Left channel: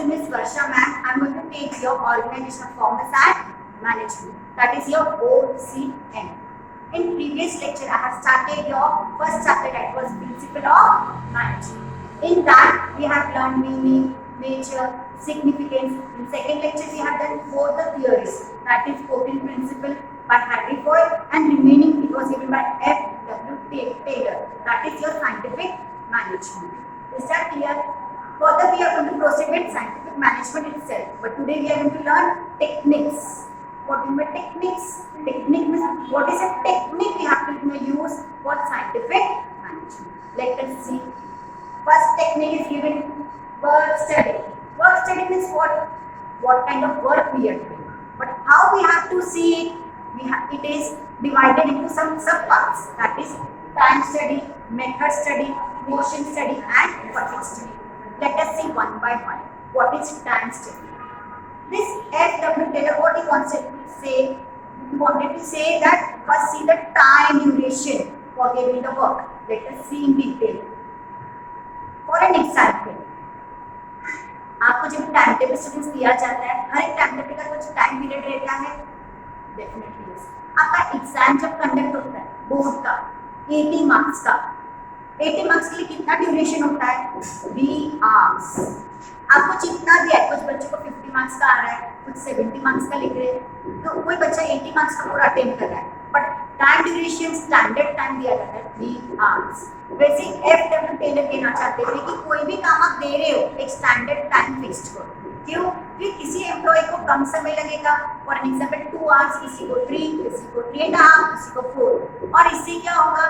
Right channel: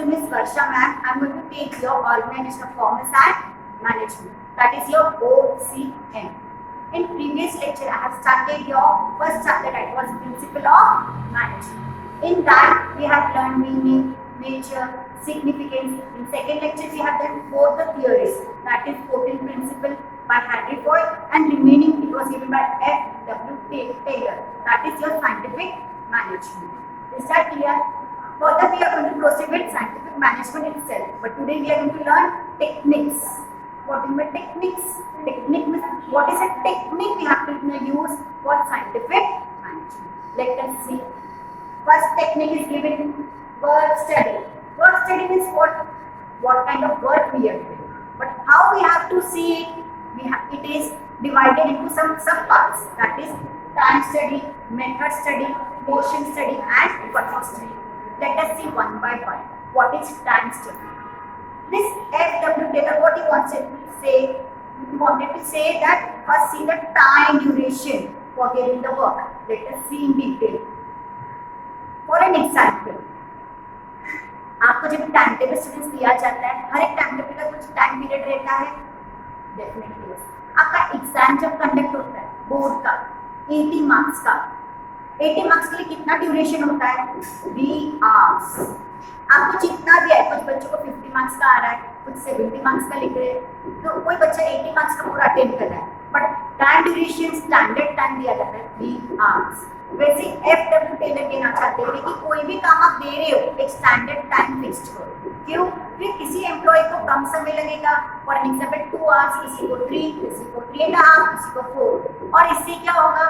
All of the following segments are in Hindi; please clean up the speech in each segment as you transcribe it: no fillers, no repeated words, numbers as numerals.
Myself Miss Varsha ma'am. I'm going to take your Organization of Commerce and Management. That is your OCM. In previous lecture, I have started your first chapter, that was Principle of Management. In that, we have learned meaning, nature, significance. In second lecture, we have done both the theories. That is 14 Principle by Henry Ford, and remaining it was given by F.W. Taylor. That is your Scientific Management. Is that clear? Further, we are going to proceed with Scientific Management itself. But today we are going to learn techniques. What do you mean techniques? Technique means what is a technique we have to use for scientific management. Let us see. First technique is given work study. Work study means what kind of work we are doing. But how we have to see it? It is divided into some subparts. That is time study, method study, motion study, and fatigue study. Let us see one by one. What is time study? This F.W. Taylor, what he wanted to say that first see the time duration for giving the work. Let us see in detail. For an example, आपको जब टाइम टेबल स्टूडेंट्स दिया जाता है, हर एक टाइम टेबल का कुछ टाइम पीरियड रहता है, डेफिनेटली यस. आपका एग्जाम जब कंडक्ट होता है बोर्ड का 80 मार्क्स का, 80 मार्क्स के लिए कितना ड्यूरेशन होता है? 3 आवर्स. आपको जितना भी है, कुछ बच्चों को 50 मार्क्स का आ रहा है, कुछ 70 मार्क्स का लिख रहे हैं, तो कोई बच्चा 80 मार्क्स का पूरा अटेम्प्ट कर रहा है, but time duration standard time दिया जाता है 3 आवर्स. वैसे F.W. टेलर कहना चाहते थे कि कोई भी काम आप दे रहे हो एक स्टैंडर्ड टाइम फिक्स्ड करो. क्यों? क्योंकि किसी एम्प्लॉय को कम समय लगेगा. फॉर एन एग्जाम्पल 2 आवर्स, किसी को 3, किसी को 3.5, किसी को 4. और इससे क्या होगा?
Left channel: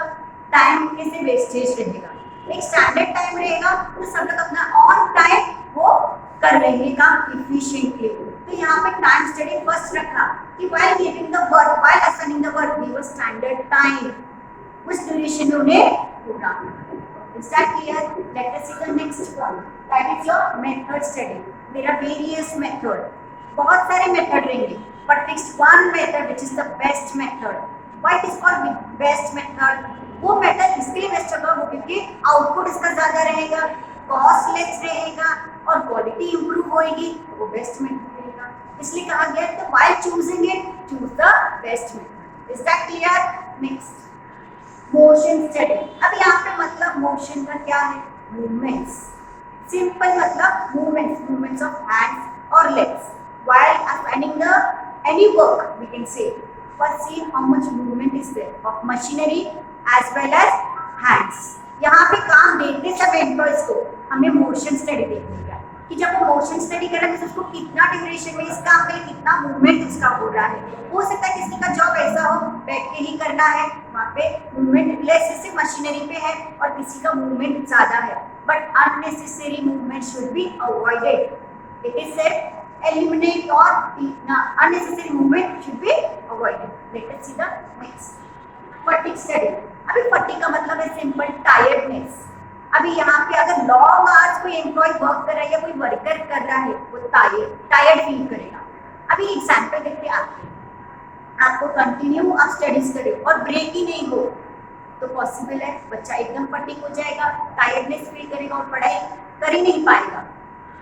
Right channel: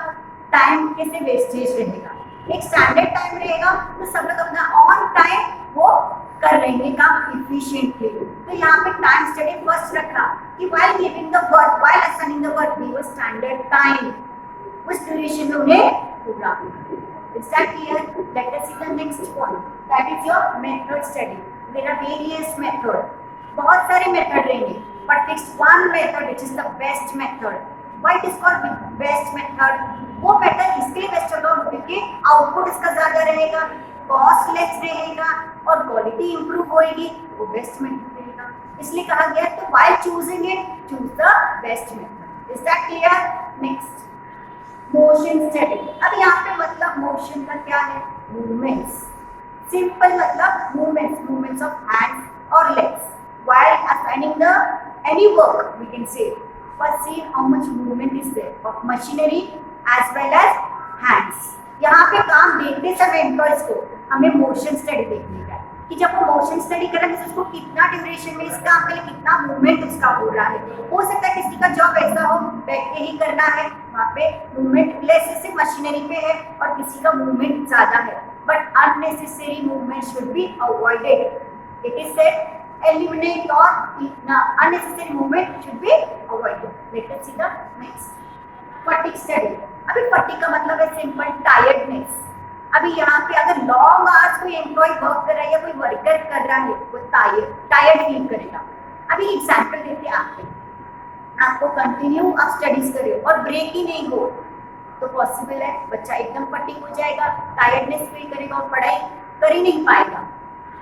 टाइम कैसे वेस्टेज रहेगा. एक स्टैंडर्ड टाइम रहेगा तो सब लोग अपना ऑन टाइम वो कर लेंगे काम इफिशिएंटली. तो यहाँ पे टाइम स्टडी फर्स्ट रखा कि while giving the work, while assigning the work, give a standard time. उस ड्यूरेशन में उन्हें पूरा. Is that clear? Let us see the next point. That is your method study. There are various methods. बहुत सारे मेथड रहेंगे, but fixed one method which is the best method. Why it is called best method? वो मेथड इसलिए बेस्ट होगा क्योंकि आउटपुट इसका ज्यादा रहेगा, कॉस्ट लेस रहेगा और क्वालिटी इंप्रूव होएगी. वो बेस्ट मेथड रहेगा, इसलिए कहा गया. तो while choosing it, choose the best method. Is that clear? Next. Motion study. अब यहाँ पे मतलब मोशन का क्या है? मूवमेंट्स. सिंपल मतलब मूवमेंट्स ऑफ हैंड्स और legs. While assigning the any work we can say. First see how much movement is there of machinery as well as hands. यहाँ पे काम देते सब एम्प्लॉयज को हमें मोशन स्टडी देखने का है कि जब वो मोशन स्टडी कर रहा है उसको कितना ड्यूरेशन में इस काम के लिए कितना मूवमेंट उसका हो रहा है. हो सकता है किसी का जॉब ऐसा हो बैठ के ही करना है, वहाँ पे मूवमेंट लेस सिर्फ मशीनरी पे है, और किसी का मूवमेंट ज़्यादा है. But unnecessary movement should be avoided. It is said eliminate और unnecessary movement should be avoided. Let us see the next. Fatigue study. अभी फटीग का मतलब है सिंपल टायर्डनेस. अभी यहाँ पे अगर लॉन्ग आवर्स कोई एम्प्लॉय वर्क कर रहा है या कोई वर्कर कर रहा है, वो टायर्ड फील करेगा. अभी एग्जाम्पल देखते हैं आपको कंटिन्यू आप स्टडीज कर रहे हो और ब्रेक ही नहीं हो तो पॉसिबल है बच्चा एकदम फटीग हो जाएगा, टायर्डनेस फील करेगा और पढ़ाई कर ही नहीं पाएगा.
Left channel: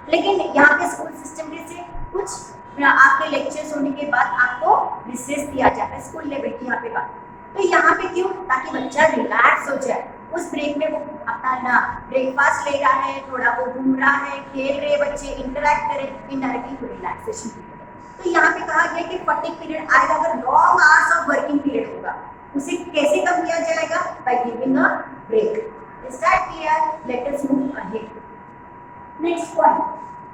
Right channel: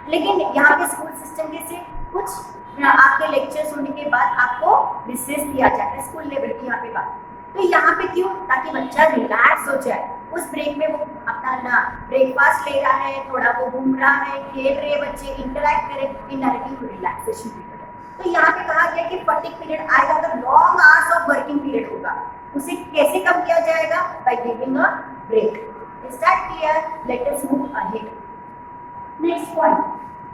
लेकिन यहाँ पे स्कूल सिस्टम के से कुछ आपके लेक्चर्स होने के बाद आपको रिसेस दिया जाता है स्कूल लेवल की यहाँ पे बात. तो यहाँ पे क्यों? ताकि बच्चा रिलैक्स हो जाए. उस ब्रेक में वो अपना ब्रेकफास्ट ले रहा है, थोड़ा वो घूम रहा है, खेल रहे बच्चे, इंटरेक्ट करे, इनडायरेक्टली वो रिलैक्सेशन पीरियड है. तो यहाँ पे कहा गया कि फटीग पीरियड आएगा अगर long hours of working period होगा. उसे कैसे कम किया जाएगा? By giving a break. Is that clear? Let us move ahead. Next point,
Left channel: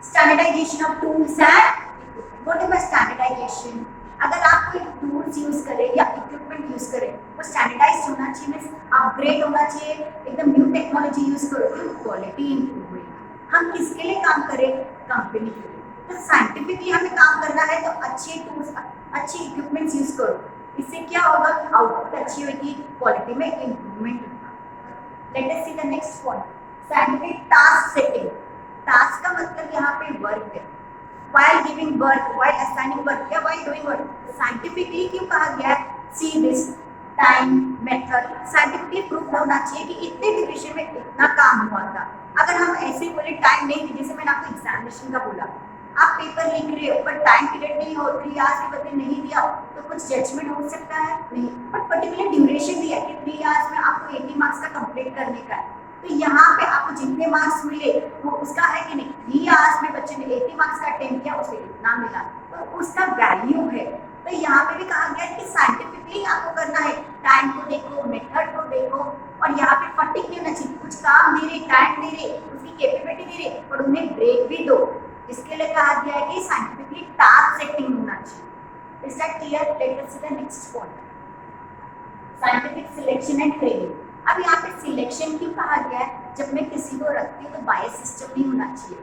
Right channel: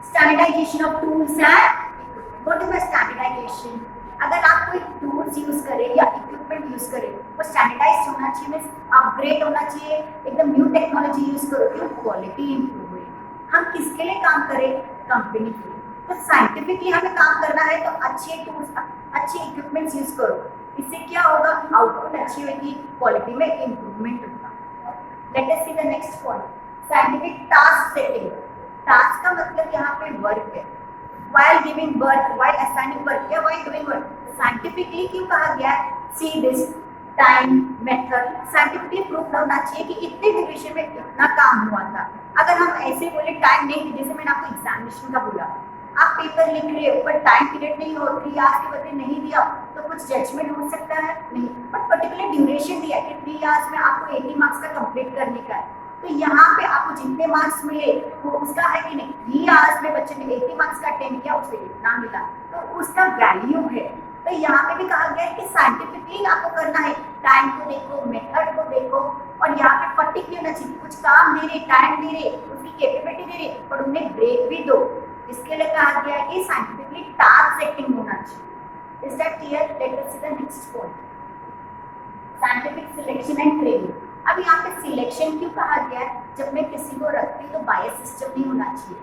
standardization of tools and equipment. What is standardization? अगर आप कोई टूल्स यूज करें या इक्विपमेंट यूज करें वो स्टैंडर्डाइज्ड होना चाहिए, मींस अपग्रेड होना चाहिए, एकदम न्यू टेक्नोलॉजी यूज करो क्यों? क्वालिटी इंप्रूव होगी. हम किसके लिए काम करें? कंपनी के लिए. तो साइंटिफिकली हमें काम करना है तो अच्छे टूल्स, अच्छे इक्विपमेंट्स यूज करो. इससे क्या होगा? आउटपुट अच्छी होगी, क्वालिटी में इंप्रूवमेंट होगा. Late us see the next point, scientific task setting. Task का मतलब यहाँ पे वर्क है. while giving work, while assigning work या while doing work. साइंटिफिकली क्यों कहा गया है? See this time method scientifically proof होना चाहिए कि इतने ड्यूरेशन में इतना काम हुआ था. अगर हम ऐसे बोले टाइम नहीं, जैसे मैंने आपको एग्जामिनेशन का बोला, आप पेपर लिख रहे हो पर टाइम पीरियड नहीं हो, 3 आवर्स के बदले नहीं दिया तो कुछ जजमेंट हो सकता है नहीं, बट पर्टिकुलर ड्यूरेशन दिया कि 3 आवर्स में आपको 80 मार्क्स का कंप्लीट करने का है, तो यहाँ पे आपको जितने मार्क्स मिले वो उसका है कि नहीं, 3 आवर्स में बच्चे ने 80 मार्क्स का अटेम्प्ट किया, उसको इतना मिला, तो उसका वैल्यू है। तो यहाँ पे भी कहा गया है कि साइंटिफिकली आपको करना है, टाइम को देखो, मेथड को देखो, और यहाँ पे फटिक नहीं होना चाहिए, कुछ काम दे रहे, टाइम दे रहे, उसकी कैपेबिलिटी दे रहे, पर उन्हें ब्रेक भी दो। इसके लिए कहा गया है कि साइंटिफिकली टास्क सेटिंग होना चाहिए। Is that clear? Let us see the next point, scientific selection and training. अब यहाँ पे सिलेक्शन क्यों कहा गया है? जब मैं किसी को रखती हूँ तो बायस सिस्टम नहीं होना चाहिए,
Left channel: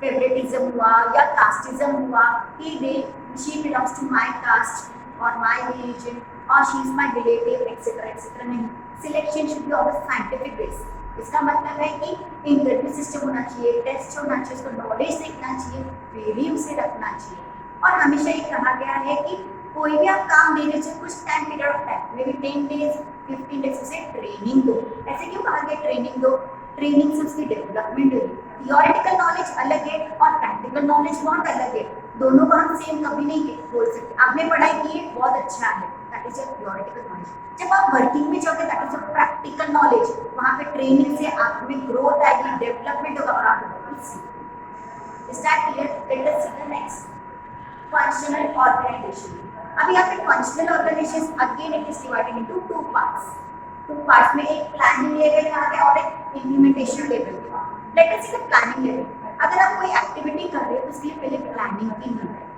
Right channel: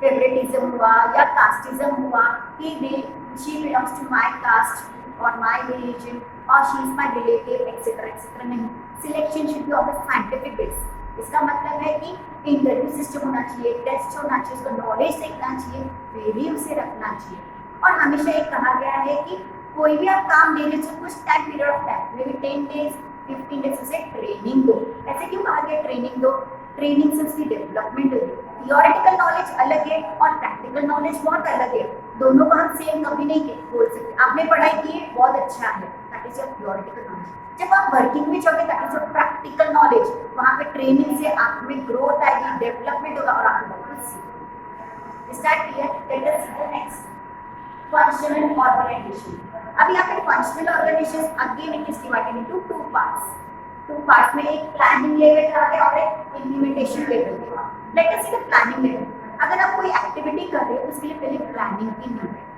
फेवरेटिज्म हुआ या कास्टिज्म हुआ कि she belongs to my caste और माय रिलीजन और she is my relative etcetera etcetera, नहीं, selection should be on the scientific base. इसका मतलब है कि इंटरव्यू सिस्टम होना चाहिए, टेस्ट होना चाहिए, उसको नॉलेज देखना चाहिए, फिर ही उसे रखना चाहिए। और हमेशा ये कहा गया है कि कोई भी आप काम दे रहे हो कुछ time period of time, may be 10 days 15 days उसे ट्रेनिंग दो। ऐसे क्यों कहा गया ट्रेनिंग दो? ट्रेनिंग से उसकी डेवलपमेंट होगी। थियोरेटिकल नॉलेज अलग है और प्रैक्टिकल नॉलेज बहुत अलग है, दोनों को हम सेम कभी नहीं बोल सकते। आपने पढ़ाई की है, बहुत अच्छा है, that is your theoretical knowledge. जब आप वर्किंग में जाओगे that is your practical knowledge, वहाँ पे ट्रेनिंग से आप में ग्रोथ आएगी, डेवलपमेंट होगा और आपको बहुत कुछ सीखोगे। Is that clear? Let us see the next, functional organization. अब यहाँ पे functional organization again it is divided into two parts में, एक प्लानिंग लेवल कहा गया और एक implementation level. Let us see the planning level. अगर आप कोई एक्टिविटी कर रहे हो तो उसके लिए पहले प्लानिंग की नीड है।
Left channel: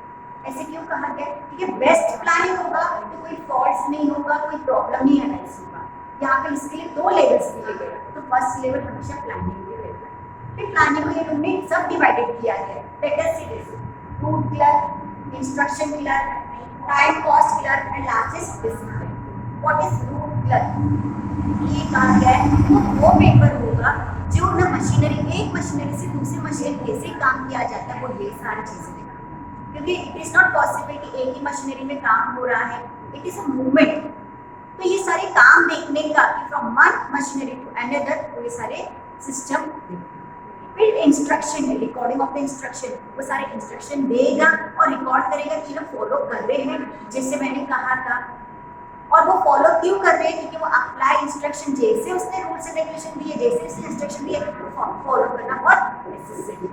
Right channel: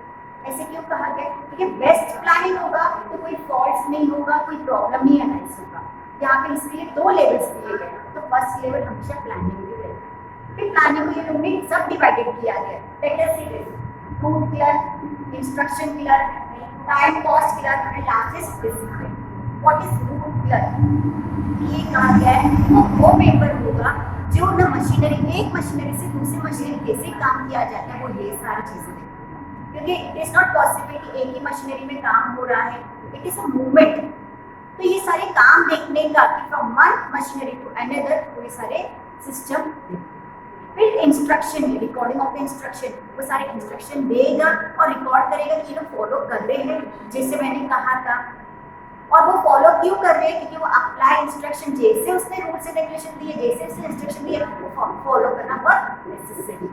ऐसे क्यों कहा गया? क्योंकि बेस्ट प्लानिंग होगा तो कोई फॉल्ट नहीं होगा, कोई प्रॉब्लम नहीं अराइज होगा। यहाँ पे इसके लिए 2 लेवल्स दिए गए, तो फर्स्ट लेवल हमेशा प्लानिंग के रहता है। फिर प्लानिंग को ये रूम में सब डिवाइडेड किया गया। Let us see this, route clear, instruction clear, time cost clear and last is discipline. What is route clear? ये कहा गया है वो पेपर होगा जो ना मशीनरी, एक मशीनरी से दूसरी मशीनरी कैसे काम किया जाता है, वो ये सारी चीजें देखें। क्योंकि इट इज नॉट पॉसिबल कि एक ही मशीनरी में काम हो रहा है, इट इज अ मूवमेंट। तो ये सारे काम देखने का कि from one machinery to another, तो ये सारे सिस्टम। फिर instruction, recording of the instruction, वो सारे इंस्ट्रक्शन देगा और रिकॉर्ड करेगा कि लोग फॉलो कर रहे हैं जैसे मैंने कहा था। और वो फॉलो क्यों कर रहे हैं? क्योंकि वो अप्लाई इंस्ट्रक्शन, जैसे उसने रूल्स एंड रेगुलेशन दिए, जैसे उसने इंस्ट्रक्शन दिए, वो फॉलो करना बहुत necessary.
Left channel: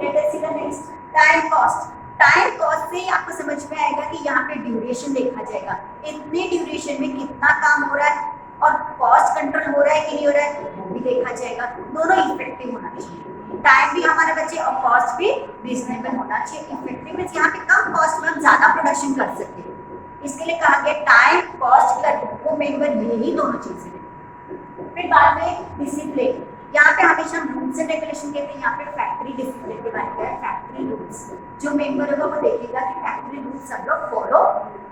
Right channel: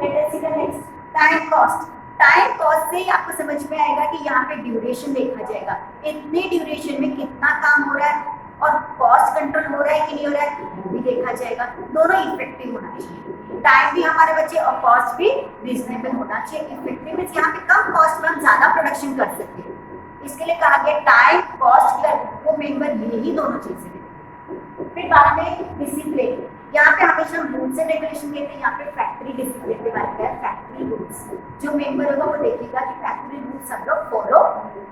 Late us see the next, time cost. Time cost से ही आपको समझ में आएगा कि यहाँ पे ड्यूरेशन देखा जाएगा, इतने ड्यूरेशन में कितना काम हो रहा है और कॉस्ट कंट्रोल हो रहा है कि नहीं हो रहा है वो भी देखा जाएगा। दोनों इफेक्टिव होना चाहिए, टाइम भी हमारे बच्चे और कॉस्ट भी रीजनेबल होना चाहिए। इफेक्टिव मींस यहाँ पे कम कॉस्ट में हम ज्यादा प्रोडक्शन कर सकते हैं। इसके लिए कहा गया टाइम कॉस्ट क्लियर, वो मेंबर यही दोनों चीजें हैं। फिर बाद में डिसिप्लिन, यहाँ पे हमेशा हम रूल्स एंड रेगुलेशन कहते हैं, यहाँ पे फैक्ट्री डिसिप्लिन के बारे में है। फैक्ट्री रूल्स जो मेंबर होगा वो देखेगा कि फैक्ट्री रूल्स सब लोग फॉलो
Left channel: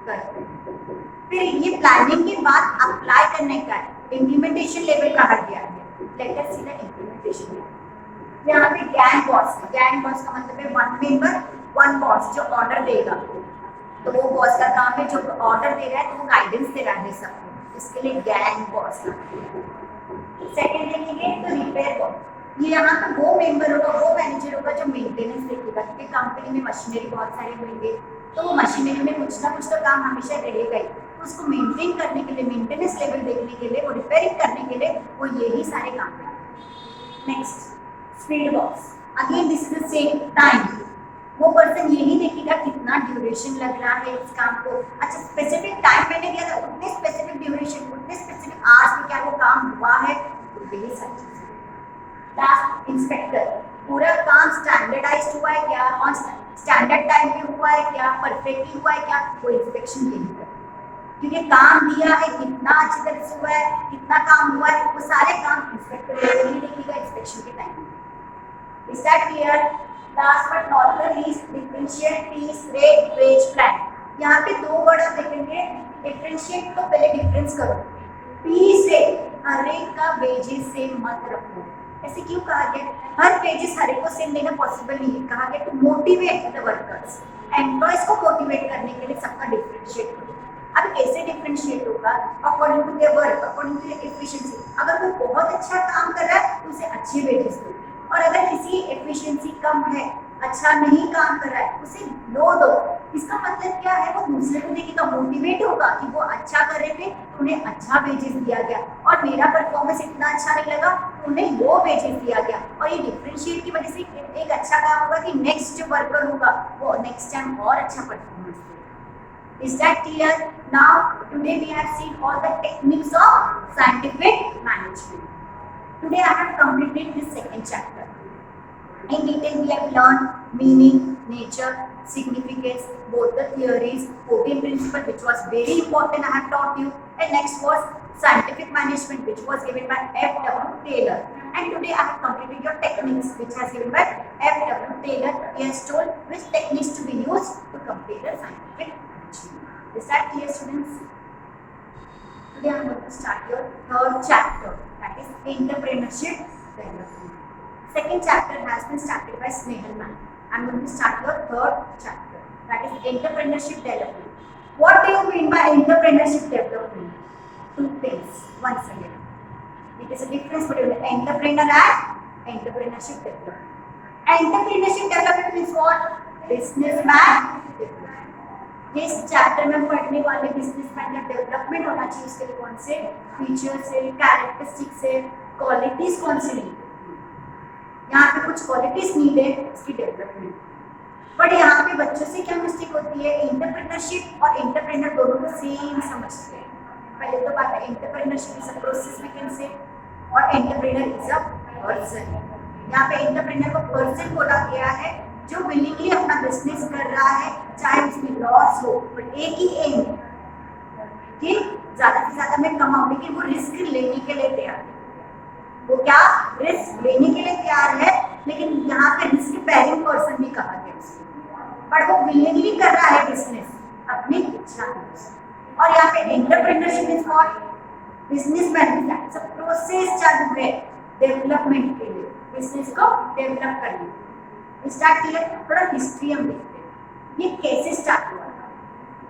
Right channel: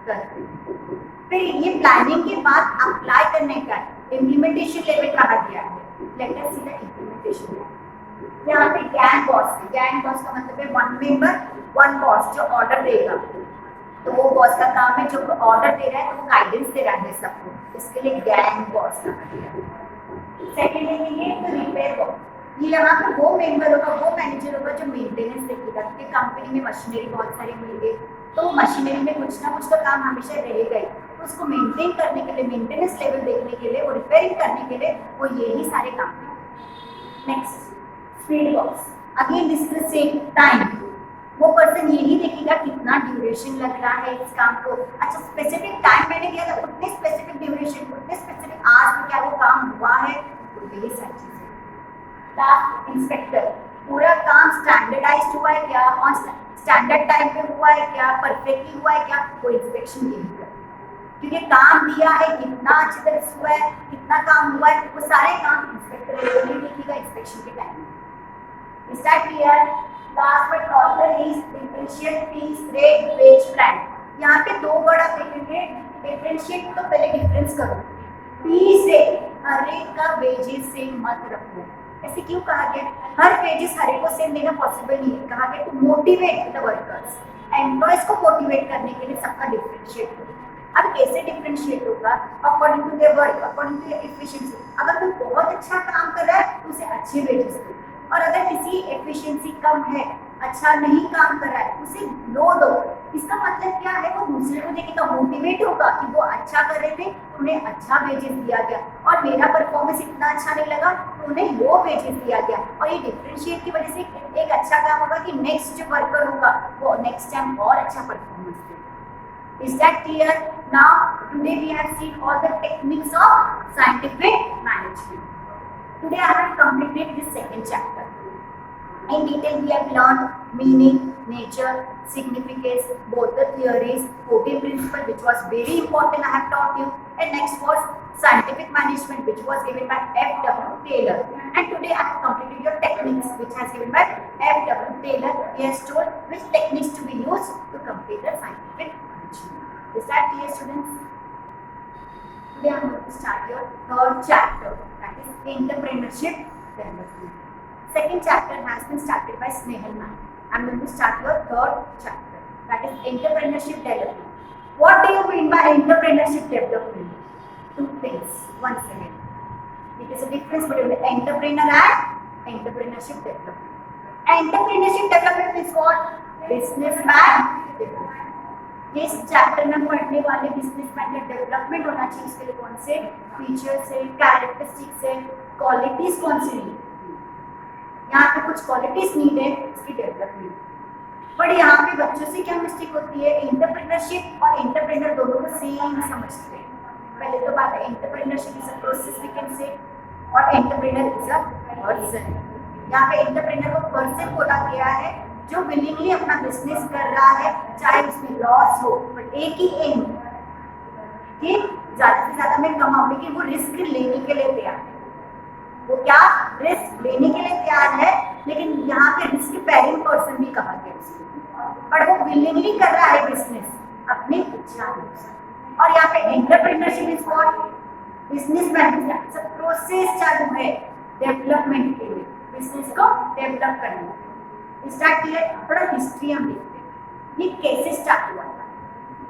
करते हैं। फिर ये प्लानिंग के बाद अप्लाई करने का इम्प्लीमेंटेशन लेवल कहा गया है। Late us see the implementation level. यहाँ पे गैंग बॉस है, गैंग बॉस का मतलब है वन मेंबर वन बॉस, जो ऑर्डर देगा तो वो बॉस का काम है, जो ऑर्डर दे रहा है तो वो गाइडेंस दे रहा है सबको, इसके लिए गैंग बॉस कहा गया। सेकंड देखेंगे तो रिपेयर बॉस, ये यहाँ पे वो मेंबर होगा, वो मैनेजर होगा जो मेंटेनेंस देखेगा, क्योंकि कंपनी में मशीनरी बहुत सारे होंगे तो वो मशीनरी में कुछ ना कुछ तो काम हमेशा रहेगा ही, तो उसको मेंटेन करने के लिए, मेंटेनेंस लेवल देखने के लिए, वो रिपेयरिंग करने के लिए वो यही सारे काम करेंगे। Next speed box, again this is the same time, वो पर्सन यही देखेगा कितना ड्यूरेशन लग रहा है इस काम को। अच्छा स्पेसिफिक टाइम मैंने दिया था, उतने स्पेसिफिक ड्यूरेशन, उतने स्पेसिफिक आवर्स में क्या वो काम हुआ है, तो यही सारी चीजें। लास्ट इंस्पेक्टर, पूरा काम स्टैंडर्डाइज्ड हुआ है क्या, ऑन स्टैंडर्ड टाइम पे हुआ है क्या, परफेक्टली हुआ है क्या, वो इंस्पेक्शन यही कर, क्योंकि काम दिया है कितना अच्छी तरह से हुआ है, कितना काम हुआ है, वो सारे काम इंस्पेक्टर यही देखेगा इंस्पेक्शन के time. Is that clear? Last but not the least, differentiate piece rate wage plan. यहाँ पे 2 वर्ड आप देखेंगे, डिफरेंशिएट तो पहले डिफरेंस करो, फीस से हर एक का वेजेस सेम मत रखो। ऐसे क्यों कहा गया? हर वेजेस हर एक को सेम देना पॉसिबल नहीं है, कहा गया to motivate the workers, employees को मोटिवेट करने के लिए सबका डिफरेंशिएट करो। अब कैसे डिफरेंशिएट होगा? According to their work, according to their efficiency. अगर कोई बहुत अच्छा काम कर रहा है तो उसे अच्छे वेजेस दो, और अगर किसी एफिशिएंसी कम है, अच्छा नहीं काम कर रहा है, उसे लो दो। इसका मतलब क्या है? वो दूसरे को देखेगा, मोटिवेट होगा कि वो अच्छा कर रहे थे तो उन्हें अच्छा वेजेस दिया गया, और मेरा परफॉर्मेंस इतना अच्छा नहीं लगा तो उन्हें लो वेजेस दिया गया। और ये डिफरेंशिएट की वजह से एक अच्छा काम होगा कि नेक्स्ट जो वर्कर होगा वो नेक्स्ट टाइम और अच्छा परफॉर्मेंस देगा। Is that clear? Now today we have seen all the techniques of scientific management. Today I have completed this second chapter. In detail we have learned meaning, nature, significance, both the theories, 14 principle which was very important I have taught you, and next was scientific management which was given by F.W. Taylor. And today I have completed your techniques which has given by F.W. Taylor. He has told which techniques to be used to complete the scientific management. Is that clear, students? Today I am going to start your third chapter, that is entrepreneurship development. Second chapter has been started by Snehal ma'am. I am going to start your third chapter, that is entrepreneurship development. What do you mean by entrepreneurship development? Two things. Once again, it is a difference between entrepreneur and entrepreneurship development. Entrepreneurship development means what? Businessman development. इस चैप्टर में पढ़ने वाले बिजनेसमैन का डेवलपमेंट होना चाहिए, उसके लिए कौन से फीचर्स है, कैरेक्टरिस्टिक्स है, क्वालिटीज कौन सी नीड, यहाँ पे कुछ क्वालिटीज नीड है इसकी डेवलपमेंट। बट यहाँ पे बच्चों से क्या मिस्टेक होती है? एंटरप्रेन्योरशिप और एंटरप्रेन्योर दोनों को सेम समझते हैं। पहले तो बात है, entrepreneurship is a process we can say, और एंटरप्रेन्योर इज अ पर्सन। यहाँ पे एंटरप्रेन्योर को पर्सन बोला गया है जो विलिंगली अपना बिजनेस कर रहा है, चाहे उसमें लॉस हो, बट एक ही एम कि ज्यादा से ज्यादा मैं कमाऊं, लेकिन वो रिस्क लेने के लिए तैयार है। वो क्या रिस्क लेने के लिए तैयार है, लेकिन यहाँ पे रिस्क बेयरिंग पर्सन भी कहा गया उसको, बट वो विलिंगली कर रहा है बिजनेस अपनी इच्छा अनुसार। और यहाँ पे एंटरप्रेन्योरशिप इज व्हाट? बिजनेसमैन सब प्रोसेस चालू है डेवलपमेंट के लिए, बिजनेस को डेवलप करने के लिए। Start clear? थोड़ा हिस्ट्री हम देखते हैं, ये कैसे स्टार्ट हुआ था।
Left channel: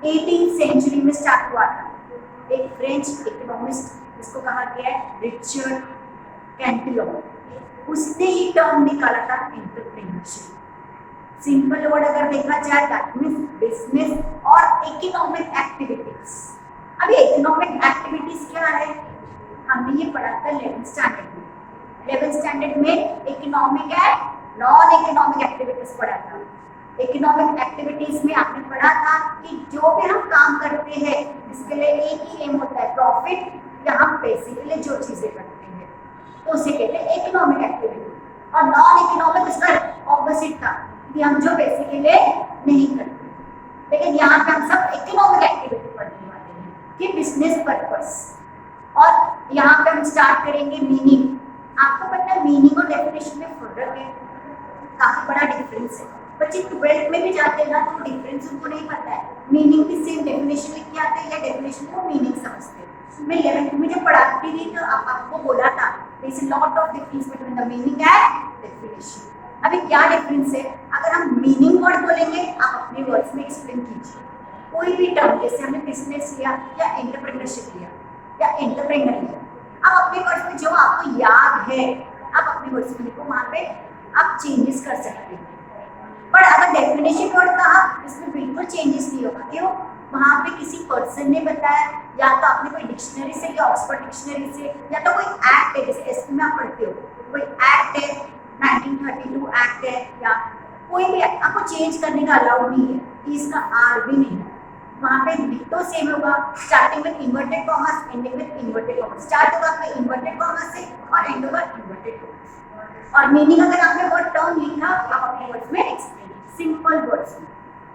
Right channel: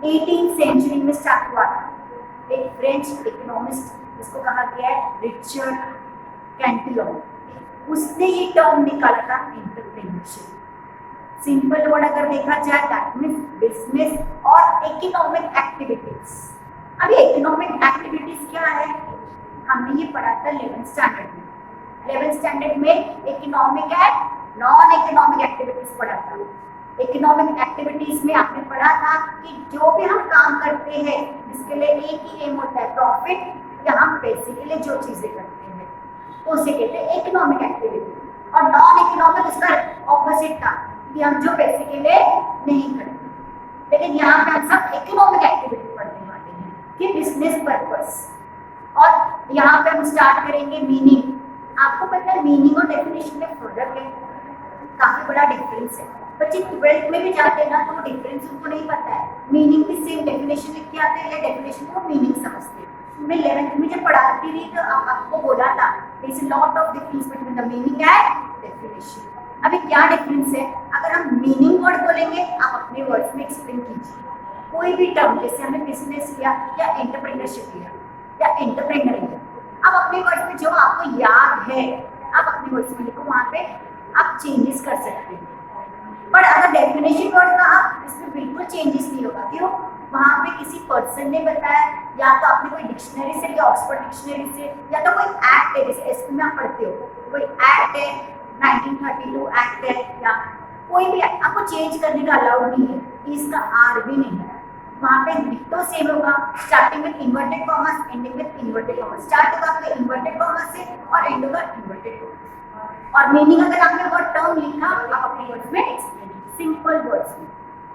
18th सेंचुरी में स्टार्ट हुआ था। एक फ्रेंच इकोनॉमिस्ट जिसको कहा गया है रिचर्ड कैंटिलोन, उसने ये टर्म निकाला था एंटरप्रेन्योरशिप। सिंपल वर्ड अगर देखा जाए दैट मींस बिजनेस और इकोनॉमिक एक्टिविटीज। अभी इकोनॉमिक एक्टिविटीज क्या है? हमने ये पढ़ा था 11th स्टैंडर्ड में। 11th स्टैंडर्ड में economic and non economic activities पढ़ा था। इकोनॉमिक एक्टिविटीज में आपने पढ़ा था कि जो भी हम काम करते हैं जिसके लिए एक ही एम होता है प्रॉफिट, या हम पैसे के लिए जो चीजें करते हैं तो उसे कहते हैं इकोनॉमिक एक्टिविटी। और नॉन इकोनॉमिक इसका ऑपोजिट था कि हम जो पैसे के लिए नहीं करते। लेकिन यहाँ पे हम सब इकोनॉमिक एक्टिविटी पढ़ने वाले हैं कि बिजनेस पर्पस। और यहाँ पे हम स्टार्ट करेंगे मीनिंग। आपको पता है मीनिंग और डेफिनेशन में फर्क है, काफी बड़ा डिफरेंस है। बच्चे 12th में भी जाते हैं ना तो वो डिफरेंस उनको नहीं पता है। मीनिंग भी सेम डेफिनेशन लिख के आते हैं या डेफिनेशन को मीनिंग समझते हैं। मैं 11th में जब पढ़ाती थी तो आपको बोला था there is a lot of difference between the meaning and definition. अभी क्या डिफरेंस है? अगर हम मीनिंग वर्ड बोलेंगे आप अपने वर्ड्स में एक्सप्लेन कीजिए कोई भी टर्म, जैसे हमने बिजनेस लिया या एंटरप्रेन्योरशिप लिया या एंटरप्रेन्योर लिया, आप अपने वर्ड्स में जो आपको याद है आप अपने वर्ड्स में लिखो, वहां पे आप चेंजेस कर सकते हैं। पर अगर डेफिनेशन वर्ड कहा इसमें बिल्कुल चेंजेस नहीं होगा। क्यों? वहां पे किसी पर्सन ने बताया, या तो आपने कोई डिक्शनरी से लिया, ऑक्सफोर्ड डिक्शनरी से, या तो कोई एक्ट है, जैसे एसपी में आप पढ़ते हो कोई एक्ट है 1932 एक्ट है, या कोई भी एक्ट आपको चेंज करने का अलाउड नहीं है, इसका आर भी नहीं है। वहाँ पे डिक्टो सेम होगा, starting with inverted commas, ending with inverted commas. Start होगा आपका इन्वर्टेड कॉमर्स से और एंड होगा इन्वर्टेड कॉमर्स। और मीनिंग अगर आपने वर्ड टर्म लिखा आप अपने वर्ड्स में एक्सप्लेन, सिंपल वर्ड्स में।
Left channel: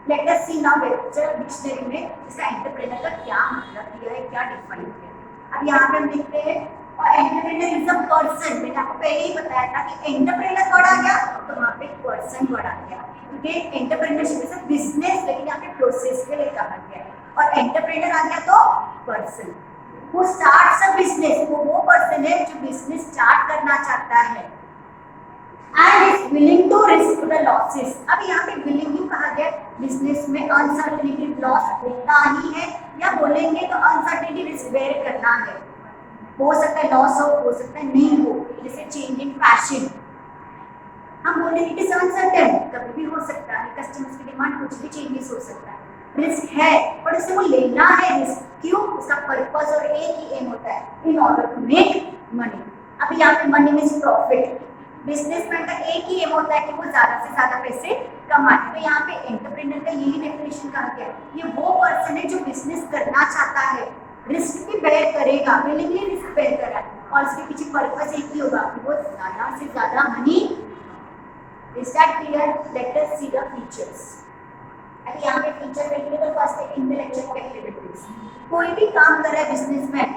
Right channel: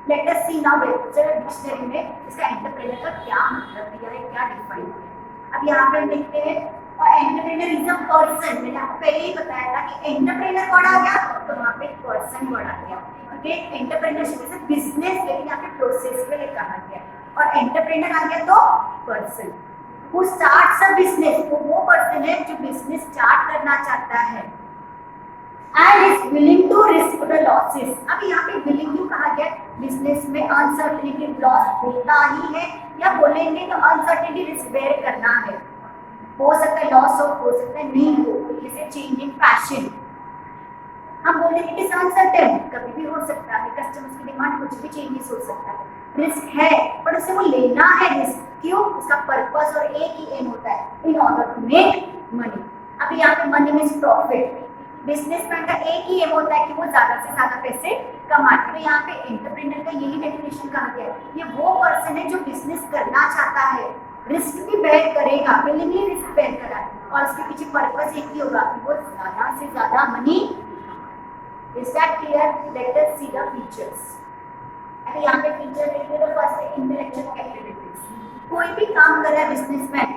लेट अस सी नाउ वेबस्टर डिक्शनरी में इसका एंटरप्रेन्योर का क्या मतलब दिया है, क्या डिफाइन किया है। अब यहाँ पे हम देखते हैं, और एंटरप्रेन्योर इज अ पर्सन। मैंने आपको पहले ही बताया था कि एंटरप्रेन्योर वर्ड आ गया तो वहाँ पे पर्सन वर्ड आ गया, क्योंकि एंटरप्रेन्योरशिप इज अ बिजनेस, लेकिन यहाँ पे प्रोसेस के लिए कहा गया है। और एंटरप्रेन्योर आ गया तो person who starts a business, वो पर्सन है जो बिजनेस स्टार्ट करना चाहता है and is willing to risk the losses। अब यहाँ पे willing क्यों कहा गया? बिजनेस में अनसर्टेनिटी लॉस होता ही है, या बोलेंगे तो अनसर्टेनिटी रिस्क बेयर करना है, हो सकता है लॉस हो सकता है नहीं हो, जैसे चेंज इन फैशन, हम बोले इट इज अनसर्टेन, कभी भी हो सकता है, कस्टमर्स की डिमांड कुछ भी चेंजेस हो सकता है, रिस्क है पर उसे वो लेना है रिस्क, क्यों, उसका पर्पस और एक ही एम होता है in order to make money. अभी यहाँ पे मनी मीन्स प्रॉफिट, बिजनेसमैन का एक ही एम होता है कि वो ज्यादा से ज्यादा पैसे कमाए, तो यहाँ पे एंटरप्रेन्योर का यही डेफिनेशन कहा गया है, ये वो पर्सन है जो बिजनेस करना चाहता है, रिस्क भी बेयर करेगा, विलिंगली रिस्क बेयर कर रहा है, और उसके पीछे पर्पस एक ही होगा कि वो ज्यादा से ज्यादा money. Is that clear? Let us see the features. अभी यहाँ पे फीचर देखेंगे तो फर्स्ट है इंटेलेक्चुअल कैपेबिलिटीज, कोई भी काम कर रहा है बिजनेसमैन,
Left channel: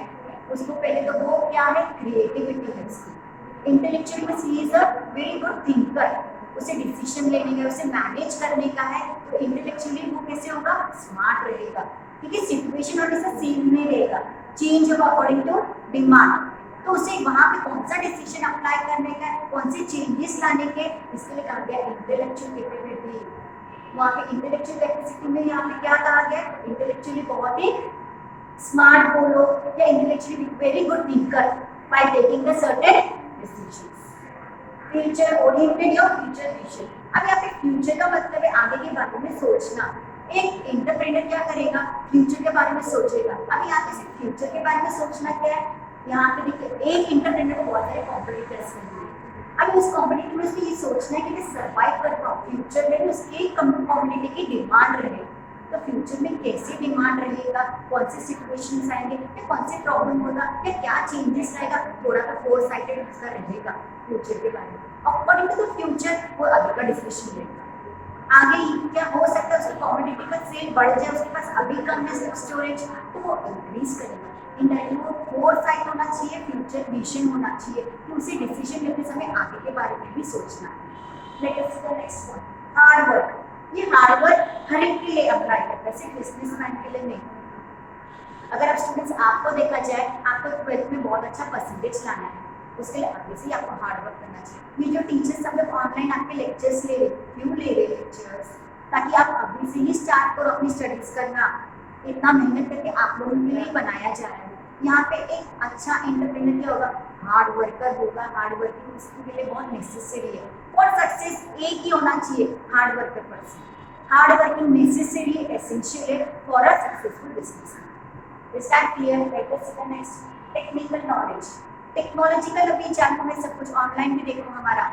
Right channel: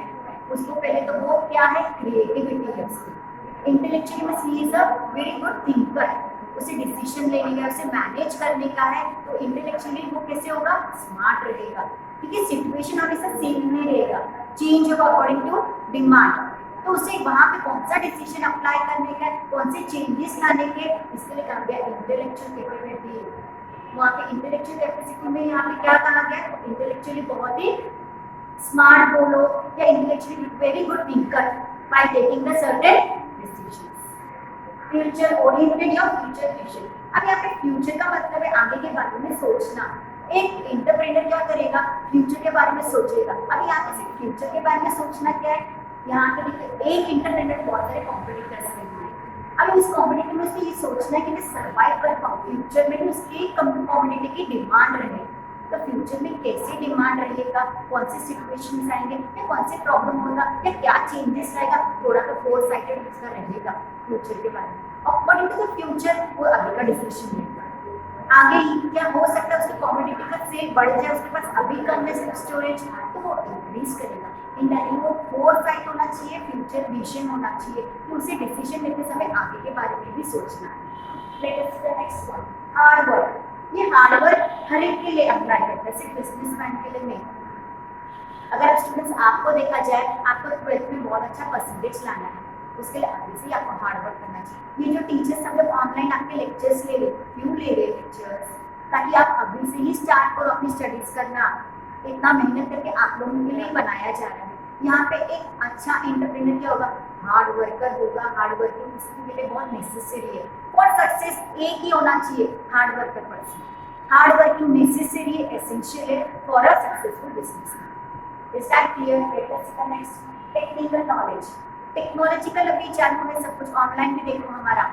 उसको पहले तो वो क्या है, क्रिएटिविटी है उसकी, इंटेलेक्चुअल में he is a very good thinker, उसे डिसीजन लेने का, उसे मैनेज करने का है, तो इंटेलेक्चुअली वो कैसे होगा, स्मार्ट रहेगा, क्योंकि सिचुएशन हमेशा सेम नहीं रहेगा, चेंज होगा अकॉर्डिंग टू डिमांड, तो उसे वहाँ पे कौन सा डिसीजन अप्लाई करने का, कौन से चेंजेस लाने के, इसके लिए कहा गया इंटेलेक्चुअल कैपेबिलिटी। वहाँ पे इंटेलेक्चुअल कैपेसिटी में यहाँ पे क्या कहा गया, इंटेलेक्चुअली बहुत ही स्मार्ट बोलो या intellectually very good thinker by taking the certain decisions. Future oriented या फ्यूचर विजन, अब यहाँ पे फ्यूचर का मतलब है आगे के बारे में सोचना, एक एंटरप्रेन्योर क्या करेगा, फ्यूचर के बारे में सोचेगा। अब यहाँ पे सिर्फ फ्यूचर के बारे में सोचना क्या है, यहाँ पे देखिए एक एंटरप्रेन्योर को बहुत सारे कॉम्पिटिटर्स मिलते हैं, अभी उस कॉम्पिटिटर में उसको ये सोचना है कि मैं सर्वाइव कर पाऊँ, फ्यूचर में भी उसकी कम्युनिटी की डिमांड रहे, तो फ्यूचर में कैसे डिमांड रहेगा, कौन से सिचुएशंस आएंगे या कौन से प्रॉब्लम होगा या क्या चेंजेस आएगा, थोड़ा सा फोर साइटेड उसका रहेगा फ्यूचर के बारे में, अकॉर्डिंग टू द फ्यूचर वो आगे का डिसीजन लेगा। आगे ही क्या हो सकता है, उसकी कॉमोडिटी का सेल बढ़ जाए, उसके पास अभी कम है स्टोरेज, तो वो इंक्रीज करेगा। इंडायरेक्टली वो फोर साइट होना चाहिए, फ्यूचर विजन होना चाहिए कि उसे डिसीजन लेते समय आगे के बारे में भी सोचना है। Late us see the next one, hard work. ये हार्ड वर्क हर एक के लिए अप्लाई करता है, सिर्फ बिजनेसमैन के लिए नहीं। अगर आप स्टूडेंट्स आपको देखा जाए, आपको 12th में बहुत अच्छा परसेंटेज लाना है, उसके लिए अभी से ही आपको हार्ड वर्क करना चाहिए। ये जो टीचर्स सब लोग ऑनलाइन आपके लेक्चर्स ले रहे, क्यों ले रहे लेक्चर्स, ताकि आप अभी से ही स्टार्ट करो अपनी स्टडीज करना, इतना मेहनत करके आप लोगों के लिए बनाया जा रहा है। यहाँ पे एक अच्छा एंटरप्रेन्योर क्या होगा, हार्ड वर्कर होगा, हार्ड वर्किंग उसके लिए बहुत नेसेसरी है, और सक्सेस एक ही होना चाहिए, hard worker person, hard working necessary है, एसेंशियल है for a successful business. Is that clear? Let us see the next, technical knowledge. Technological अभी जानू है, सब कुछ ऑनलाइन भी देखो, हमारा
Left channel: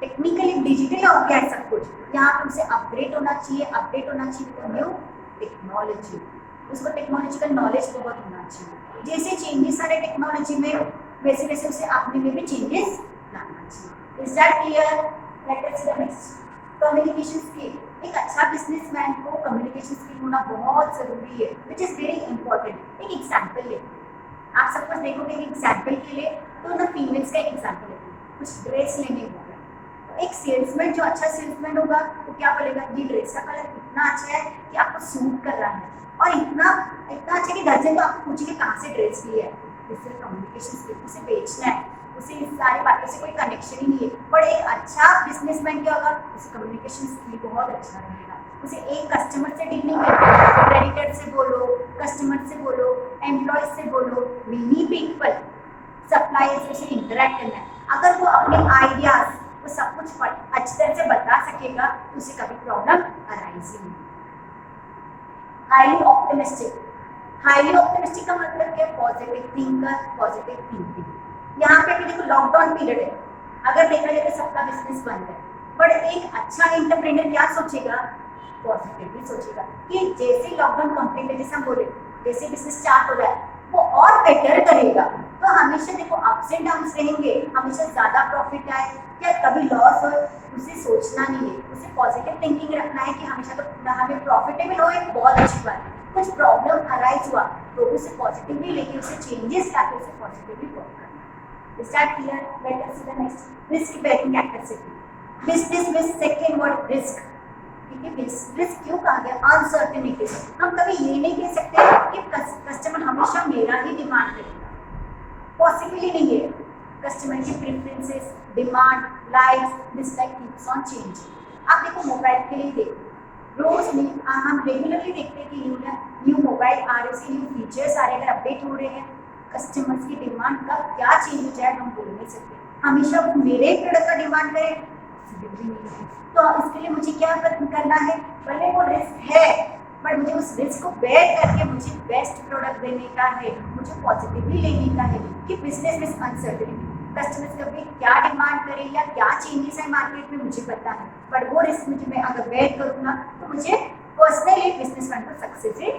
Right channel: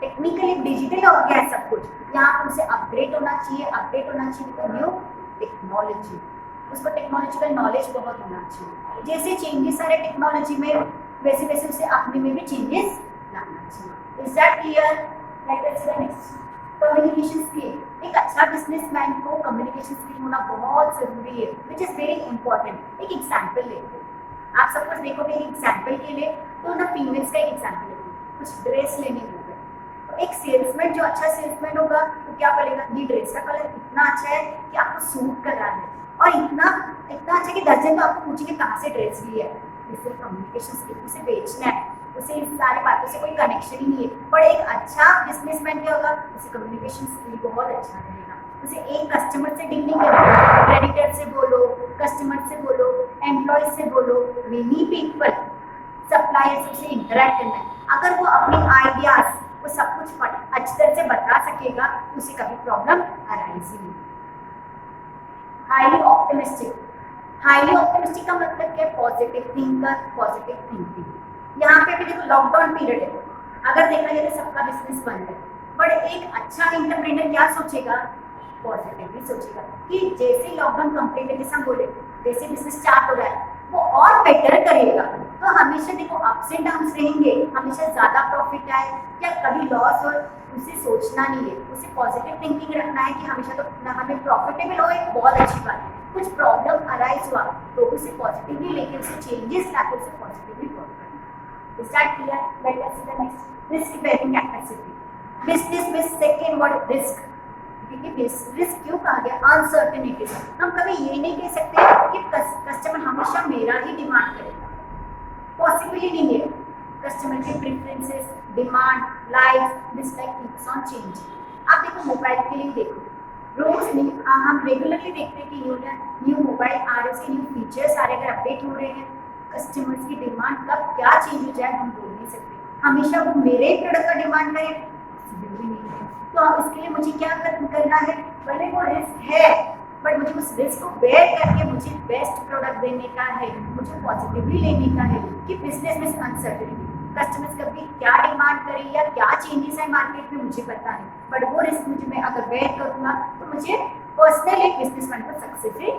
टेक्निकली डिजिटल हो गया है सब कुछ, यहाँ पे उसे अपग्रेड होना चाहिए, अपडेट होना चाहिए विद न्यू टेक्नोलॉजी, उसको टेक्नोलॉजिकल नॉलेज बहुत होना चाहिए, जैसे चेंजेस आ रहे टेक्नोलॉजी में वैसे वैसे उसे अपने में भी चेंजेस लाना चाहिए। Is that clear? Let us see the next, communication skill. एक अच्छा बिजनेसमैन को कम्युनिकेशन स्किल होना बहुत जरूरी है, विच इज वेरी इंपॉर्टेंट। एक एग्जाम्पल लेते हैं, आप सब कुछ देखोगे एक एग्जाम्पल के लिए, तो ना फीमेल्स का एग्जाम्पल लेते हैं, कुछ ड्रेस लेने हो गए, तो एक सेल्समैन जो अच्छा सेल्समैन होगा तो क्या बोलेगा, ये ड्रेस का कलर इतना अच्छा है कि आपको सूट कर रहा है, और इतना इतना अच्छा कि दर्जन तो आपको पूछेंगे कहाँ से ड्रेस ली है। इससे कम्युनिकेशन स्किल, उसे बेचना है, उसे इस सारी बातों से कोई कनेक्शन ही नहीं है, पर एक अच्छा बिजनेसमैन क्या होगा, उसे कम्युनिकेशन स्किल बहुत अच्छा रहेगा, उसे एक कस्टमर से डील नहीं करना, क्रेडिटर से बोलो, कस्टमर से बोलो, एम्प्लॉय से बोलो, मेनी पीपल सप्लायर से इंटरेक्ट करना है। अगर वो अपने आइडियाज वो सब कुछ अच्छी तरह से बता सकेगा तो उसे कभी प्रॉब्लम अराइज ही नहीं। हाईली ऑप्टिमिस्टिक, हाईली ऑप्टिमिस्टिक का मतलब क्या है, पॉजिटिव थिंकर, पॉजिटिव थिंकिंग। यहाँ पे भी देखो लॉकडाउन पीरियड है, अगर देखा जाए तो सबका बिजनेस बंद है, बट एक अच्छा एंटरप्रेन्योर क्या सोचेगा, पॉजिटिवली सोचेगा कि जैसे लॉकडाउन कंप्लीट है, जैसे हम बोले जैसे बिजनेस स्टार्ट हो रहा है वो और बेटर करेगा। तो हमेशा देखो अप्स एंड डाउन्स रहेंगे, हमेशा ज़्यादा प्रॉफिट आए या कभी लॉस हो, उसे सोचना नहीं है, उसे पॉजिटिव थिंकिंग रखना है कि हमेशा तो हमें प्रॉफिटेबल हो, एक बहुत अच्छी बात है, कुछ प्रॉब्लम अराइज हुआ तो उसे पॉजिटिवली लेके उसे चेंजेस लाके उसे पॉजिटिवली वर्क करना। Is that clear? Let us see the next, risk bearing capacity. Business में सेकेंड वर्ड रिस्क, क्योंकि रिस्क क्यों कहा गया, अनसर्टेनिटी। हम कभी ये नहीं कह सकते कि कस्टमर हमेशा मेरा ही डिमांड करेगा, पॉसिबल ही नहीं है। कस्टमर के preferences, demand, likes, dislike keeps on changing. आप देखो मोबाइल के लिए देखो, रोज हम रेगुलरली देखते हैं कि न्यू मोबाइल आ रहे हैं, न्यू फीचर्स आ रहे हैं, अगर अपडेट हो रहे हैं, कस्टमर्स की डिमांड कब क्या चेंज हो जाए हम बोल नहीं सकते। हमेशा वो मेरे प्रोडक्ट का डिमांड करे पॉसिबल भी नहीं है। तो इसके लिए मुझे क्या करना है, भले वो रिस्क है बट मुझे उस रिस्क को बेयर करके मुझे बेस्ट प्रोडक्ट देने का है, मुझे पॉजिटिवली लेने का है कि बिजनेस में अनसर्टेनिटी, कस्टमर्स कभी क्या डिमांड करें या क्या चेंजेस है मार्केट में मुझे पता है, बट वो रिस्क मुझे मैं अगर बेयर करूँगा तो मुझे पर्सनली एक बिजनेसमैन को सक्सेस है।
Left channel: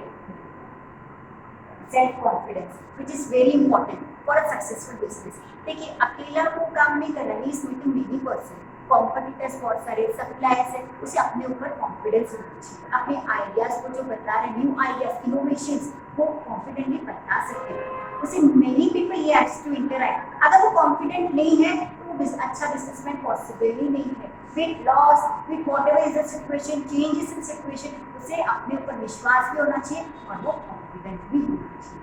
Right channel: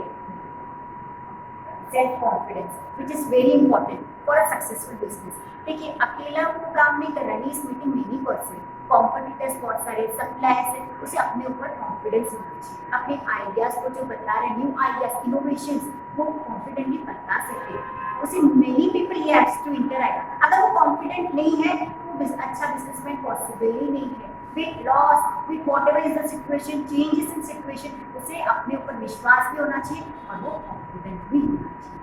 Self confidence which is very important for a successful business. देखिए अकेला वो काम नहीं कर रहा है, इस मीटिंग मेनी पर्सन, कॉम्पिटिटर्स बहुत सारे, सप्लायर्स है, उसे अपने ऊपर कॉन्फिडेंस होना चाहिए, अपने आइडियाज को जो बता रहे हैं, न्यू आइडियाज, इनोवेशंस, वो कॉन्फिडेंटली बता सकते हैं, उसे मेनी पीपल ये हैज टू इंटरैक्ट। अगर वो कॉन्फिडेंट नहीं है तो वो अच्छा बिजनेसमैन पॉसिबल ही नहीं है। With loss, with whatever is the situation, changes in situation, उसे अपने ऊपर विश्वास भी होना चाहिए और वो कॉन्फिडेंट भी होना चाहिए।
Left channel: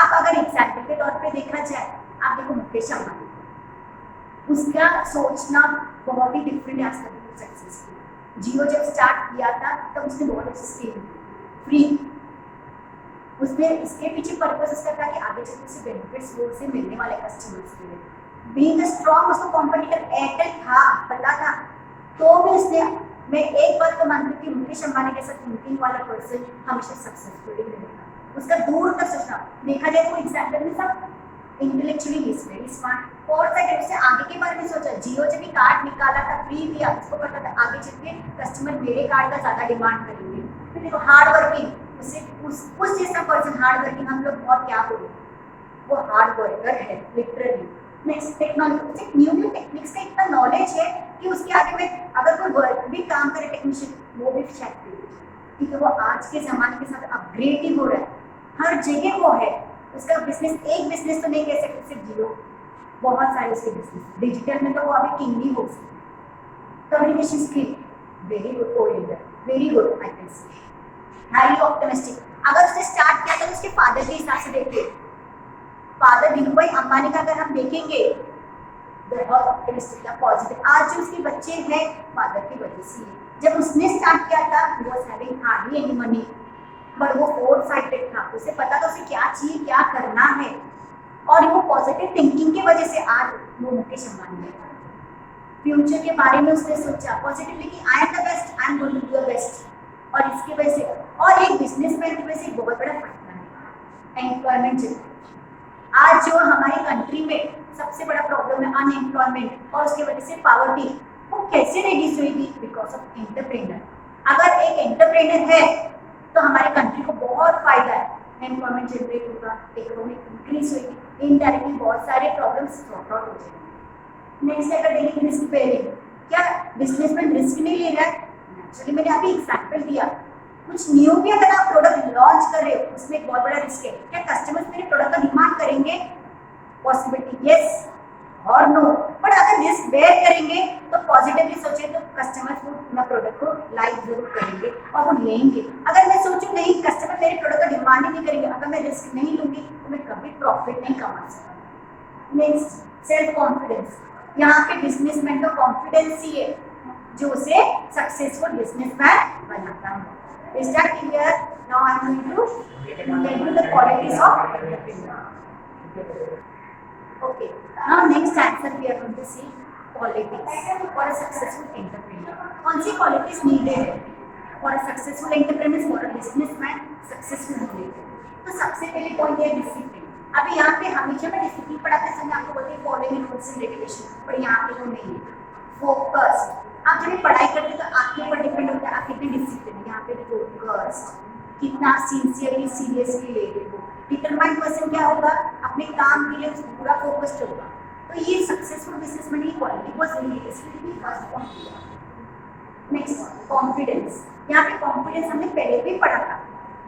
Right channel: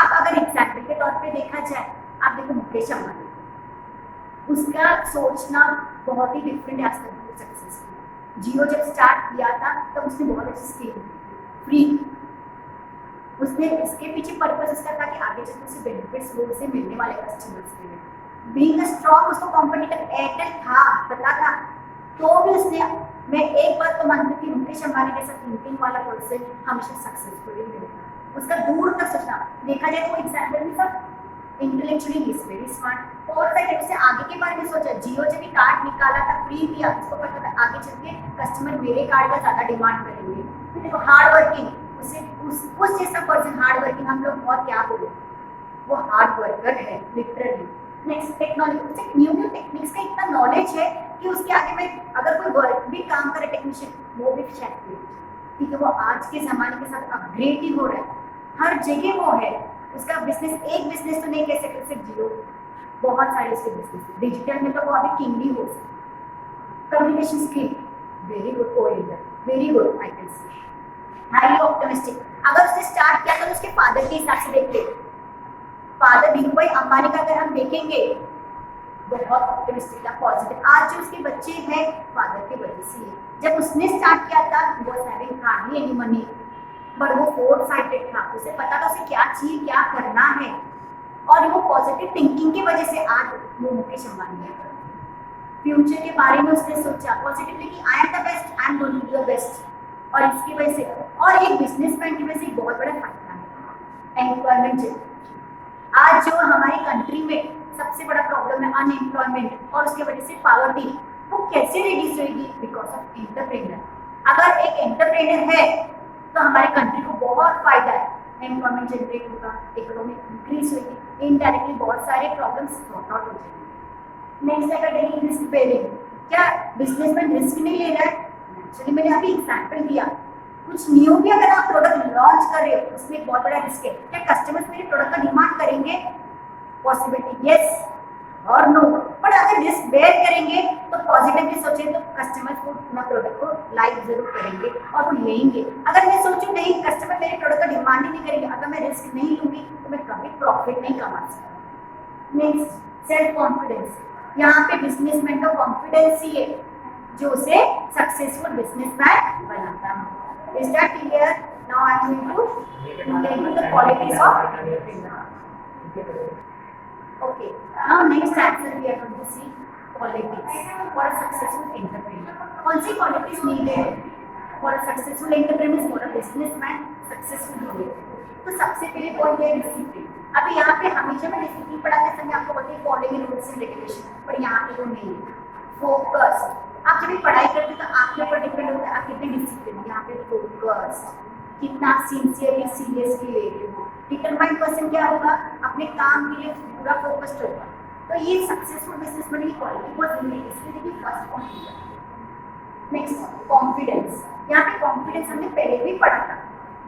आप अगर एग्जाम्पल के तौर पे देखा जाए, आप देखो मुकेश अंबानी, उसका सोचना बहुत ही डिफरेंट है आज तक सक्सेसफुल। जियो जब स्टार्ट किया था तब उसने बहुत अच्छी स्कीम फ्री, उसने इसके पीछे पर्पस इसका था कि आगे चलकर उसे बेनिफिट्स वो उसे मिलने वाले कस्टमर्स के लिए। बीइंग अ स्ट्रॉन्ग, उसको कॉम्पिटिटर एयरटेल था पता था, तो भी उसने, मैं एक बात तो मानती हूँ कि मुकेश अंबानी जैसा थिंकिंग वाला पर्सन हमेशा सक्सेसफुल ही मिलेगा। उसका दूर तक सोचना, देखा जाए तो एग्जाम्पल में सब इंटेलेक्चुअली इज वेरी स्मार्ट और उससे आगे के बारे में सोचा। जियो जब भी कार्ड निकाला था फ्री दिया, उसको पता था आगे चल के कस्टमर मेरे कार्ड का ज़्यादा डिमांड करेंगे। फिर देखो हार्ड वर्किंग, उसे उस जैसा पर्सन हार्ड वर्किंग, हम लोग बहुत क्या बोले, वो हार्ड वर्कर है literally. Next technology, new techniques का इतना नॉलेज है कि उसके आगे में अगर कोई वर्क भी काम करे टेक्नीशियन, वो भी शायद, क्योंकि वो आज के ज़माने के साथ अपग्रेड ही हो रहा है, हर जगह वो है। उसका बिजनेस, एक बिजनेस तो नहीं कह सकते सिर्फ जियो, बहुत सारे उसके बिजनेस, डिजिटल में तो वो अभी किंग ही हो सकते। Communication skill very good, oriented very good, I can say highly optimistic. अगर उसने स्टार्ट किया तो उसके फादर के हिसाब से देखिए, फादर धीरूभाई अंबानी का अगर हम देखेंगे बहुत ऑप्टिमिस्टिक था, पॉजिटिव। आज जो उसके बच्चे हैं फादर की वजह से, जब उसने स्टार्ट किया था वो having hardly any money, but वो फोर साइडेड था, उसे पता था उसे क्या चाहिए, क्या करना है, और वो पॉजिटिव थिंकिंग की वजह से आज वो मुकेश अंबानी है। फ्यूचर के बारे में उसने सोचा पॉजिटिवली कि I am the best, I am going to do the best, और इसकी वजह से, और एक बिजनेसमैन की वजह से एक बहुत बड़ा फायदा है एम्प्लॉयमेंट। आज जो हमारी कंट्री में सबसे बड़ा प्रॉब्लम है अनएम्प्लॉयमेंट, और उसकी वजह से पॉवर्टी, वो कैसे रिड्यूस होगी, बिकॉज ऑफ एंटरप्रेन्योर। अगर एक एंटरप्रेन्योर है तो हमारी कंट्री को बहुत फायदा है, एम्प्लॉयमेंट जनरेट होगा, इकोनॉमिक इंक्रीज होगी, इनडायरेक्टली बहुत सारे प्रॉब्लम्स सॉर्ट आउट हो जाएंगे। नेक्स्ट अगर टेकिंग रिस्क बेयरिंग, क्या बिजनेसमैन रिस्क नहीं ले रहा है? एक्चुअली मैंने अभी एग्जाम्पल दिया, कुछ न्यू भी अगर आप प्रोडक्ट लॉन्च कर रहे हो उसमें एक बहुत बड़ा रिस्क है, क्या कस्टमर्स मेरे प्रोडक्ट का डिमांड करेंगे? पॉसिबिलिटी यस और नो, बट अगर रिस्क बेयर करेंगे तो पॉजिटिवली सोचे तो कस्टमर्स वो अपना प्रोडक्ट को लाइक जरूर करेंगे और वो लेंगे। अगर मैं सोचूं नहीं कस्टमर मेरे प्रोडक्ट का डिमांड ही नहीं करेंगे, अगर मैं रिस्क नहीं लूंगी तो मैं कभी प्रॉफिट नहीं कमा सकती। नेक्स्ट सेल्फ कॉन्फिडेंस, यहाँ पे बिजनेसमैन का कॉन्फिडेंस ही है जो उसे सक्सेसफुल बिजनेसमैन बनाता है। Is that clear? Now I am going to tell you the qualities of entrepreneur. Okay. Now next answer we are going to see qualities for a successful entrepreneur. कौन सी qualities needed for a successful entrepreneur, for a businessman successful needed? तो सबसे पहले पॉइंट है डिसिप्लिन। अभी यहाँ पे हमेशा मैं डिसिप्लिन पढ़ाते समय आपको बोलती हूँ फॉलोइंग रूल्स एंड रेगुलेशन, पर यहाँ पे वो नहीं है। फोकस, आप जब भी पढ़ाई करते हो तो आपके ऊपर डिपेंड होता है आप कितने डिसिप्लिन है। यहाँ पे फोकस, कितना सिंसियरली सीरियसली ले रहे हो। डिटरमाइंड पर्सन क्या होगा, अपने काम के लिए पूरा फोकस्ड होगा। तो ये सक्सेसफुल बिजनेसमैन की क्वालिटी बहुत जरूरी है, इसलिए देखिए फर्स्ट पॉइंट दिया। नेक्स्ट कॉन्फिडेंस, यहाँ पे कॉन्फिडेंस हमने पहले भी पढ़ा था।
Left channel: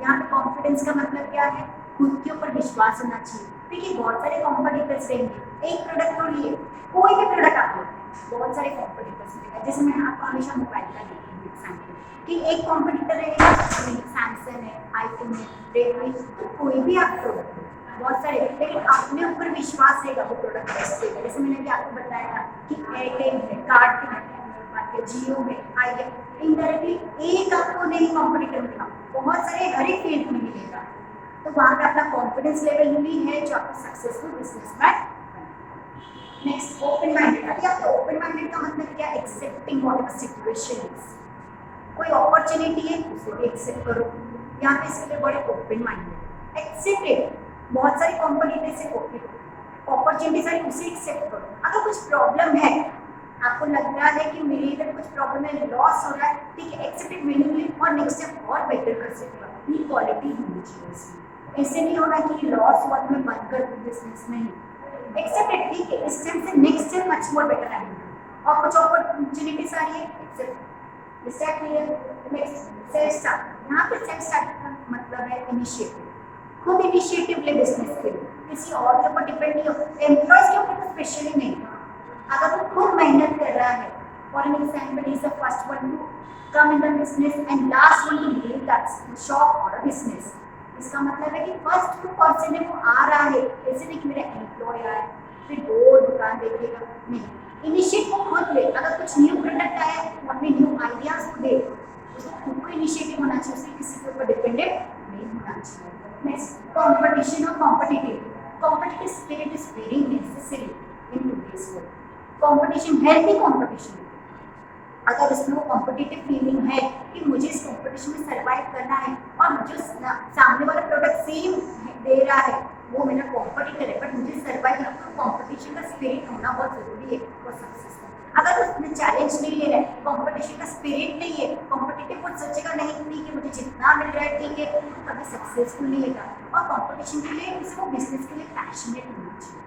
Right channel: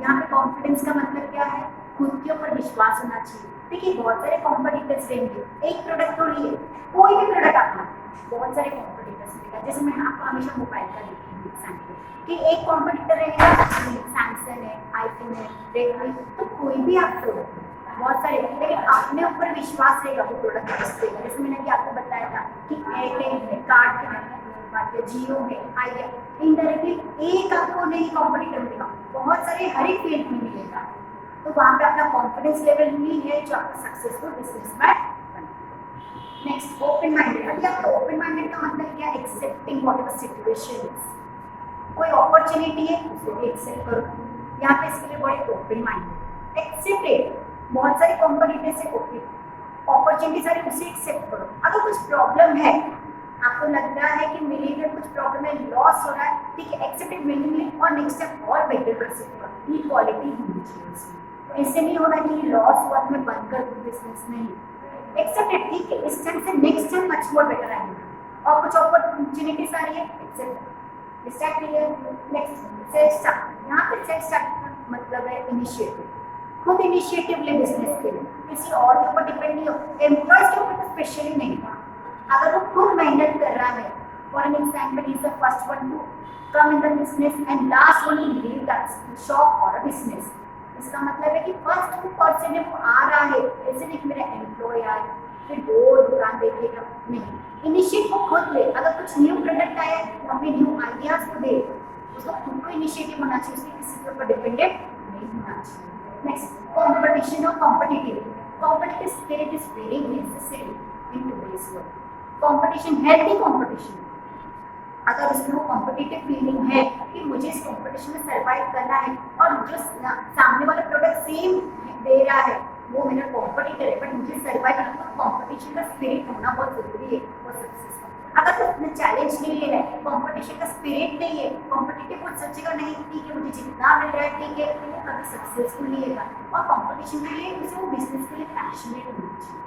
यहाँ पे कॉन्फिडेंस का मतलब क्या है, खुद के ऊपर विश्वास होना चाहिए। देखिए बहुत सारे कॉम्पिटिटर्स रहेंगे, एक प्रोडक्ट तो लिए, कोई भी प्रोडक्ट आप लो, बहुत सारे कॉम्पिटिटर्स रहेगा। जैसे मैं आपको हमेशा मोबाइल का देती हूँ एग्जाम्पल कि एक कॉम्पिटिटर रहेगा, सैमसंग है, आईफोन है, रेडमी, तो कोई भी आप प्रोडक्ट लो, बहुत सारे, लेकिन अपने ऊपर विश्वास रहेगा वो प्रोडक्ट बेस्ट रहेगा। जैसे मैंने भी आपको बताया था कि एयरटेल है, कार्ड के बात किया जियो है, आइडिया, इनडायरेक्टली एक आपको नहीं कॉम्पिटिटर मिलेगा, बहुत सारे हर एक फील्ड में मिलेगा। तो वहाँ पे अपना कॉन्फिडेंस लेवल भी है जो आपको सक्सेसफुल बिजनेसमैन बनाएगा। Next open minded. अभी आपको ओपन माइंडेड का मतलब क्या? Accepting whatever situation is. कोई अपॉर्चुनिटी है उसे भी एक्सेप्ट करो। यहाँ पे इसके लिए बड़े ओपन माइंडेड, एक्सेप्टेड। बहुत सारी कॉम्पिटिटर से ओके, अपॉर्चुनिटीज आ रही उसे एक्सेप्ट करो। अगर कुछ प्रॉब्लम है, आपको लग रहा है कि मेरे इधर कुछ प्रॉब्लम है, लॉस हो रहा है, ठीक है, एक्सेप्टेड मीनिंगली और नेक्स्ट स्टेप और बेटर कर सकूंगा। ये क्वालिटी होनी चाहिए इसमें। ऐसे नहीं होना कि लॉस हुआ तो मैं बंद कर दूँ बिजनेस, नहीं। एक्सेप्टेड, ठीक है, इस टाइम से next time much more better आएंगे और कुछ अपॉर्चुनिटीज आ रही है, except. Start clear. Next self start. यहाँ पे सेल्फ स्टार्ट का मतलब है इनिशिएटिव, खुद इनिशिएटिव ले बिजनेस के लिए, किसी और के ऊपर डिपेंड नहीं हो, एम्प्लॉयज के ऊपर तो स्पेशली नहीं। अगर वो खुद मेहनत कर रहा है, for an example is the first one to come in the business and last one to leave that shop और अ बिजनेस। इसका मतलब है कि फर्स्ट पर्सन है वो आ रहा है, ऐसे नहीं कि मेरा एम्प्लॉय आए फिर वो दुकान देखेगा, नहीं। इनिशिएट वो खुद ले। अगर कुछ न्यू प्रोडक्ट आया तो अपने न्यू आइडियाज को दे, उसको खुद को इनिशिएटिव होना चाहिए, उससे किसी के ऊपर डिपेंडेंट नहीं होना चाहिए। नेक्स्ट कंपटीशन और competitive. Competitive spirit is very necessary in today's world. Competition, healthy competition. अगर उसमें वो कॉम्पिटिटिव फीलिंग है कि मुझे इस कंपटीशन में सर्वाइव करना है और जो सामने वाला प्रोडक्ट सेम दे रहा है वो मेरा कॉम्पिटिटर है, बट मुझे सर्वाइव करना, तो कॉम्पिटिशन का स्पिरिट होना बहुत जरूरी है फॉर सक्सेस। अगर उसने चैलेंज नहीं ले रहा है, कॉम्पिटिशन का स्पिरिट नहीं है, कॉम्पिटिटिव वो सोचेगा नहीं ठीक है मुझे जितना मिल रहा है ठीक है, तो कभी सक्सेसफुल नहीं होगा। और कॉम्पिटिशन के लिए उसे वो बिजनेस के लिए पैशनेट होना चाहिए।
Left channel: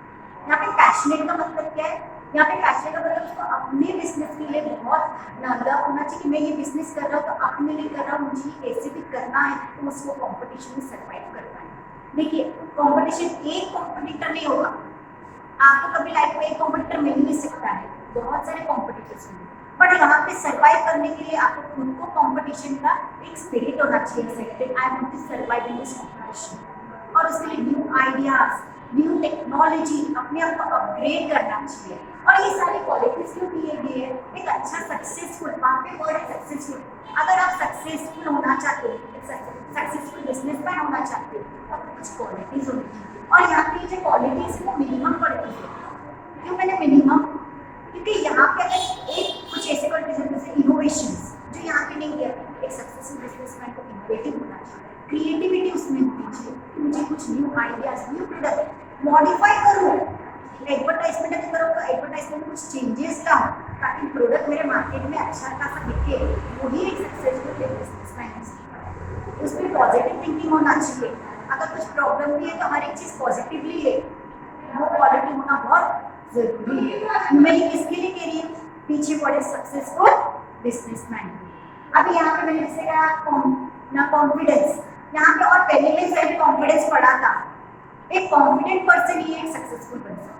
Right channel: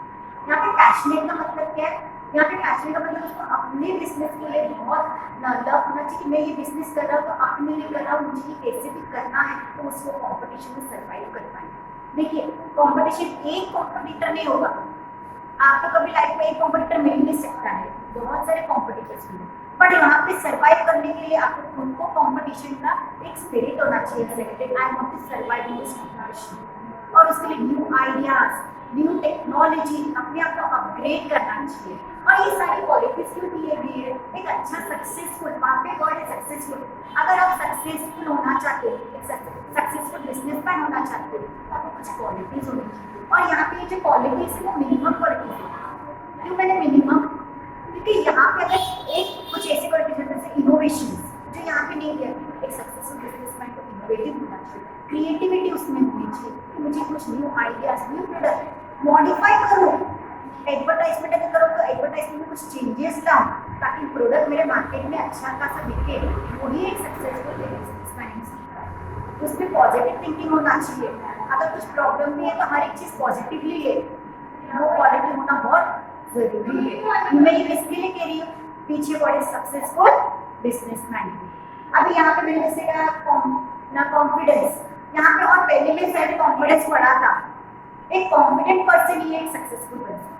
यहाँ पे पैशनेट का मतलब क्या है? यहाँ पे पैशनेट का मतलब उसको अपने बिजनेस के लिए बहुत लव होना चाहिए कि मैं ये बिजनेस कर रहा हूँ तो अपने लिए कर रहा हूँ, मुझे ये कैसे भी करना है तो उसको कॉम्पिटिशन में सर्वाइव कर पाए। देखिए कॉम्पिटिशन एक कॉम्पिटिटर नहीं होगा, आपको कभी लाइफ में एक कॉम्पिटिटर मिल नहीं सकता है, बहुत सारे कॉम्पिटिटर्स मिले, बट यहाँ पे सर्वाइव करने के लिए आपको खुद को कॉम्पिटिशन का एक स्पिरिट होना चाहिए। I want to survive in this competition, और उसके लिए न्यू आइडियाज, न्यू टेक्नोलॉजी, अपने आप को अपग्रेड करना चाहिए। और ये सारी क्वालिटीज क्यों दिए गए हैं? एक अच्छा सक्सेसफुल, वहाँ पे वर्ड है सक्सेसफुल। अगर आप सक्सेसफुल होना चाहते हो, एक सक्सेसफुल बिजनेसमैन होना चाहते हो, तो आपको कुछ क्वालिटीज होनी चाहिए। और यहाँ पे जो क्वालिटीज है वो मिनिमम क्वालिटीज है। क्यों मैंने मिनिमम? क्योंकि यहाँ पे अगर एक कुछ ऐसे क्वालिटीज है जैसे इनोवेशंस जो यहाँ पे नहीं दिया, एक सक्सेसफुल बिजनेसमैन को इनोवेटिव होना चाहिए, क्रिएटिविटी उसमें होनी चाहिए कि मुझे कुछ new ideas, new product modify करूँ। एडवर्टाइजमेंट अगर करो तो एडवर्टाइजमेंट में कुछ चेंजेस लाऊं ताकि प्रोडक्ट मेरे मार्केट में अच्छा खासा बिके, वही एक सक्सेसफुल बिजनेसमैन हो सकता है। उसमें पॉजिटिव थिंकिंग होना चाहिए। अगर कुछ प्रॉब्लम भी है तो हर एक चीज़ पॉजिटिवली ले, वो पॉजिटिव होना बहुत जरूरी है। मैं ये किसके लिए कह रही हूँ? पीछे पड़े सक्सेसफुल बिजनेसमैन। अभी यहाँ पे मैंने जैसे कहा ना कॉन्फिडेंस, यहाँ पे और पहले में सेल्फ कॉन्फिडेंस पढ़ा था। एक कॉन्फिडेंट पर्सन ही एक सक्सेसफुल बन सकता है।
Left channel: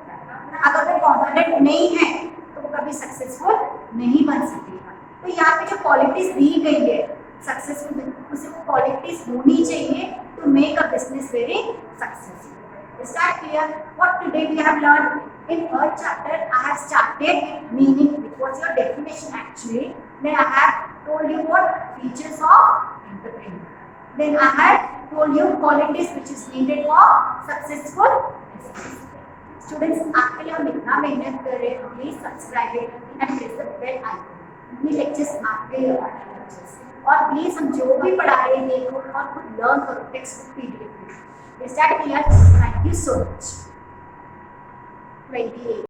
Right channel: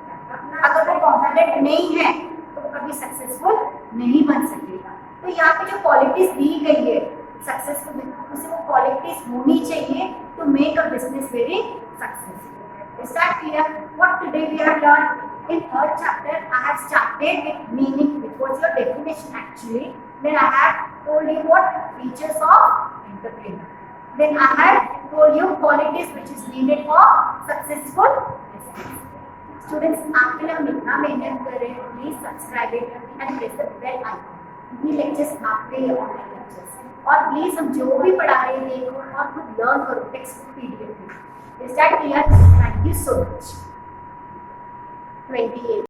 अगर वो कॉन्फिडेंट नहीं है तो वो कभी सक्सेसफुल नहीं बन सकेगा। तो यहाँ पे जो क्वालिटीज दी गई है सक्सेसफुल, उसे वो क्वालिटीज होनी चाहिए to make a business very successful. Is that clear? What today we have learned? In third chapter, I have started with meaning, which was your definition actually. Then I have told you what features of entrepreneur. Then I have told you qualities which is needed for successful business. Students, आपके लिए हम इतना मेहनत कर रहे हैं, please subscribe it and press the bell icon. ये lectures आपके लिए ऑनलाइन lectures, और प्लीज हम जो भी पढ़ा रहे हैं देखो और खुद लर्न करो टेक्स्ट बुक PDF में। Is that clear? Thank you so much. 28.